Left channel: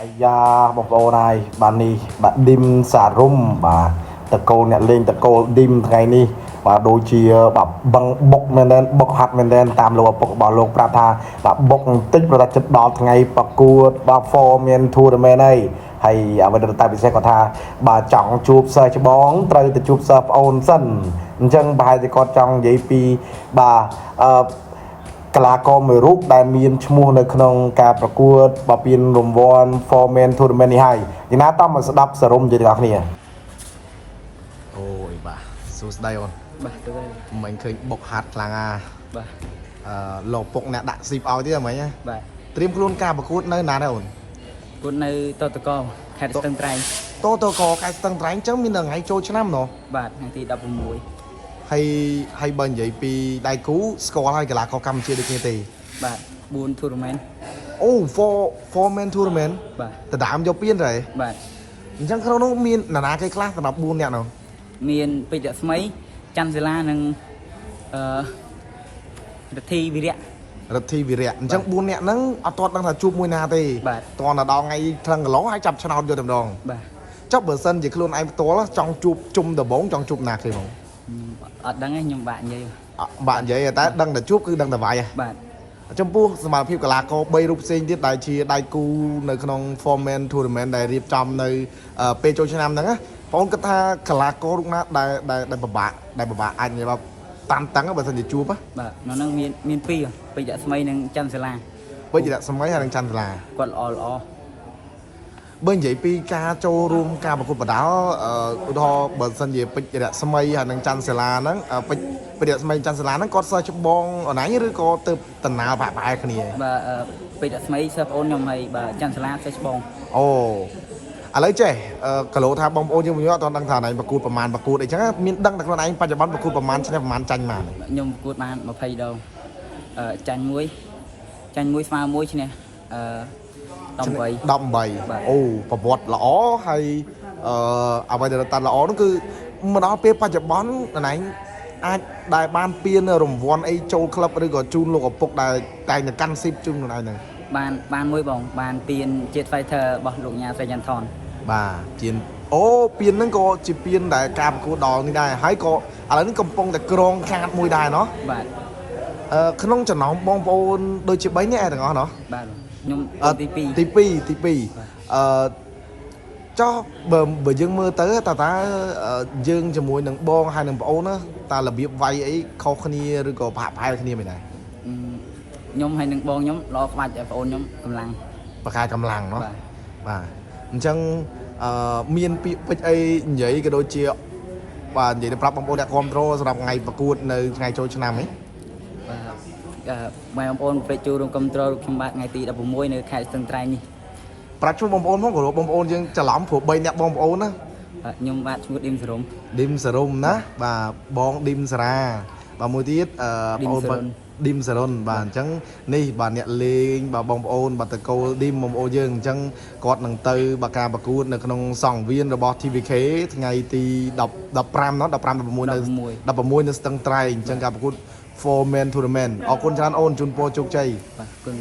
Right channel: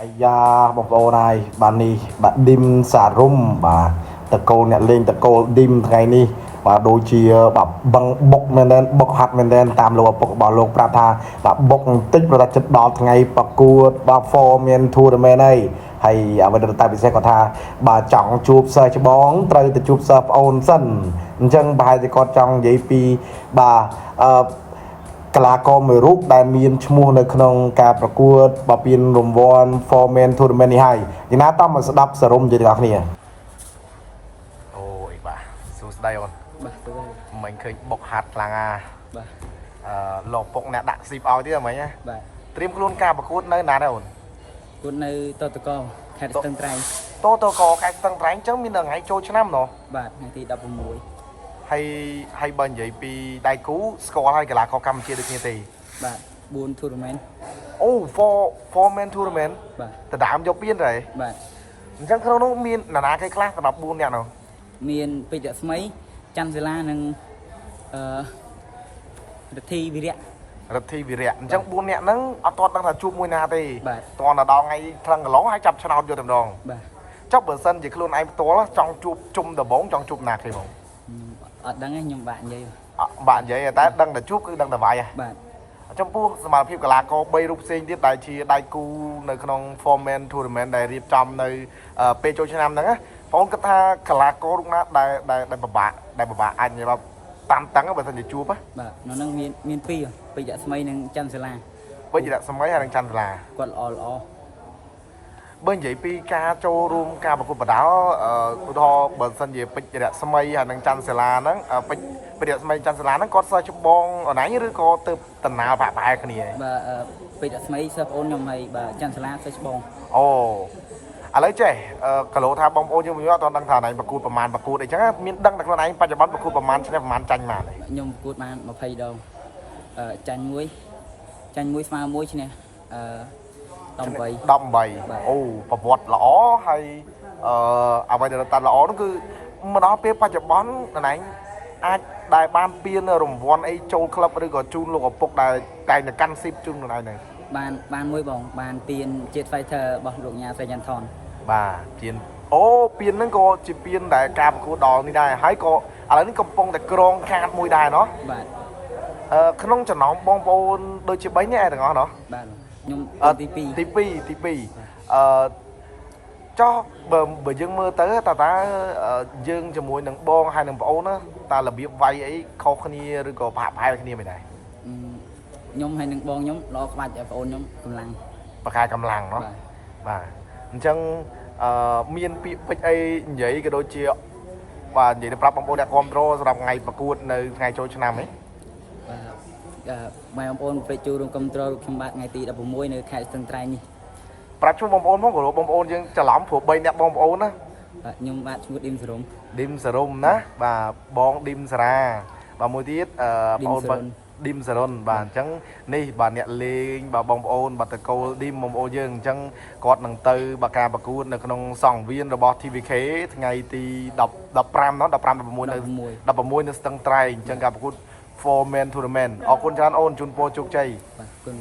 អាយ៉ាបងប្អូនហើយបាទនេះបាទឌីមសារ៉ុំបាទតកូលអ្នកលេងតកូលឌីមថ្ងៃនេះបាទដូចជាបាទបឹងបុកមែនបុកហាត់មែនតាមលោកឪពុករបស់លោកប្រាប់ថាបាទបុកបន្តិចប្រហែលចិត្តដល់ថ្ងៃប្រកួតបាទ Foreman Tournament ហើយអ្វីដែលតែពិសេសគាត់ថាបាទចង់ជួបសិស្សច្បងត្រូវទៅជួបសិស្សប្អូនសិនអញ្ចឹងប្រហែលជាគាត់ចង់និយាយពីបាទកីឡាករមួយរូបដែលមានឈ្មោះនៅក្នុងការប្រកួតបោះពានរង្វាន់ Foreman Tournament នេះហើយយ៉ាងណាតាមមកស្ដាប់សរុបនិយាយទាំងអស់គ្នាអូយបាទសួស្ដីអូនបាទទៅហើយមិញឃើញបុកហាត់ខ្លាំងណាបាទលោកពុកអ្នកដាក់ស៊ីបឲ្យទៀតហ្មងណាបាទត្រៀមខ្លួនការប្រកួតនៅណាដែរអូនប្រកួតនៅតតកខេត្តស្ទឹងត្រែងតកខេត្តស្ទឹងត្រែងអញ្ចឹងមានថ្ងៃចូលឆ្នាំណោះបាទថ្ងៃទី16ហើយបើនិយាយពីដៃគូស្គាល់ហើយកីឡាករកម្ពុជាដូចគ្នាទេបាទ4 tournament អូ Foreman Tournament បាទដណ្ដើមយកពានទេបាទអញ្ចឹងក្នុងនោះមាននរណាគេខ្លះសម្រាប់4នាក់នោះមានពេជ្ររស្មីច័ន្ទសិលានិងរិទ្ធីវិរៈអញ្ចឹង4នាក់ហ្នឹងអត់ទាន់ដឹងថាជួបមួយណាទេតើដល់ថ្ងៃថ្លឹងកន្លងហើយចាប់ឆ្នោតយកតែម្ដងបាទចុះបើសិនជាខ្លួនឯងផ្ទាល់ចង់ជួបជុំដំបងចង់ជួបណាគេហ្មងអត់ដឹងទេខ្ញុំបាក់និយាយតែដឹងតែជួបគឺដឹងតែវាយបាទចំពោះសមត្ថភាពកីឡាករ3រូបផ្សេងទៀតដែលជាដៃគូនៅក្នុង Foreman Tournament ដែលរៀបចំនៅពេលចូលឆ្នាំហ្នឹងណាបងគិតថាកីឡាកររូបណាដែលពិបាកអាចនិយាយថាតាំងបើសិនជាជួបបាទនៅហ្នឹងមាន2ពេជ្ររស្មីនិងច័ន្ទសិលាពេជ្ររស្មីហើយនិងច័ន្ទសិលាគាត់ល្អបើនិយាយពីការចូលរួមការប្រកួតបដាល់ឧទាហរណ៍បើសិនជាពេជ្ររស្មីហើយនិងច័ន្ទសិលាហ្នឹងពេជ្ររស្មីច័ន្ទសិលាហ្នឹងគាត់សិស្សច្បងអនឡាញឬក៏ទៅតំណាលប្រហែលគ្នាបាទពេជ្ររស្មីសិស្សប្អូនខ្ញុំហើយបាទច័ន្ទសិលាសិស្សច្បងអូឥឡូវចេះគីឡូថាបងប្អូនយើងអត់ទាន់ដឹងថាណៃប្រកួតប្រមាណប្រកួតអីចឹងមានដឹងតែខ្លួនឯងបច្ចុប្បន្នប្រកួតប្រមាណឆ្នាំប្រមាណចាញ់បានខ្ញុំប្រកួតបាន20ដងចាញ់មួយស្មើមួយឈ្នះ18អូប្រវត្តិល្អហើយអ្វីដែលតាន់ល្អនោះគឺមកដល់ពេលបច្ចុប្បន្នណៃអាចដែលបានពានរង្វាន់អីចូលក្លឹបឬក៏ជូនលោកឪពុកដែលតែងតែកាន់ស៊ីបជូនខ្លួនឯងហ្នឹងបានមួយបងបានពានជាតិ Fighter របស់លោកញ៉ាស្រីយ៉ាន់ថនបាទជាអូពានហ្នឹងក៏ជាពានដែលការប្រកួតដល់នេះដែរហើយក៏ឥឡូវនេះកំពុងតែក្រងខាតមួយដែរណោះបាទក្នុងចំណោមបងប្អូនដូចជា3នាក់ឯទាំងអស់ណោះបាទខ្ញុំទី2ចុះបើយើងមើលទៅតើយើងជាមួយនឹងបងហើយនឹងប្អូនណាតើរបៀបវាយអីខុសគ្នាឬក៏ប្រហែលគ្នាមិនដែរខ្ញុំហើយនឹងបងខ្ញុំល្អក្បាច់តែប្អូនខ្ញុំកម្លាំងបកាយកម្លាំងเนาะបាទអញ្ចឹងមានពាក្យពេចន៍អីនិយាយក៏ដូចជាបាទនិយាយទៅប្រាប់បងប្អូនអ្នកគ្រប់គ្រងសម្រាប់ថ្ងៃប្រកួតនៅថ្ងៃចូលឆ្នាំនេះបាទបងប្អូនពេជ្រចូលរួមគ្រប់គ្រងរូបខ្ញុំបាទថ្ងៃទី16នៅខេត្តស្ទឹងត្រែងនេះប្រាប់ជូនបងប្អូនមកព្រោះបងប្អូនយើងច្រឡំព្រោះ3អ្នកបងប្អូនណាខ្ញុំបាទឈ្មោះឌីមសារ៉ុំណាបាទបងឌីមសារាបាទមួយទៀតបងប្អូនឌីមសារ៉ុនបាទអញ្ចឹងនេះបាទអ្នកលេងបាទបងប្អូនបាទតកូលឌីមបងប្អូនយើងអញ្ចឹងគាត់នឹងទៅបាទការប្រកួតនៅក្នុងសង្វៀនរបស់ TVK ថ្ងៃទី15នោះ16នៅស្ទឹងត្រែងអញ្ចឹងការប្រកួត Foreman Tournament អរគុណច្រើនអូនជូនពរជោគជ័យបាទអរគុណ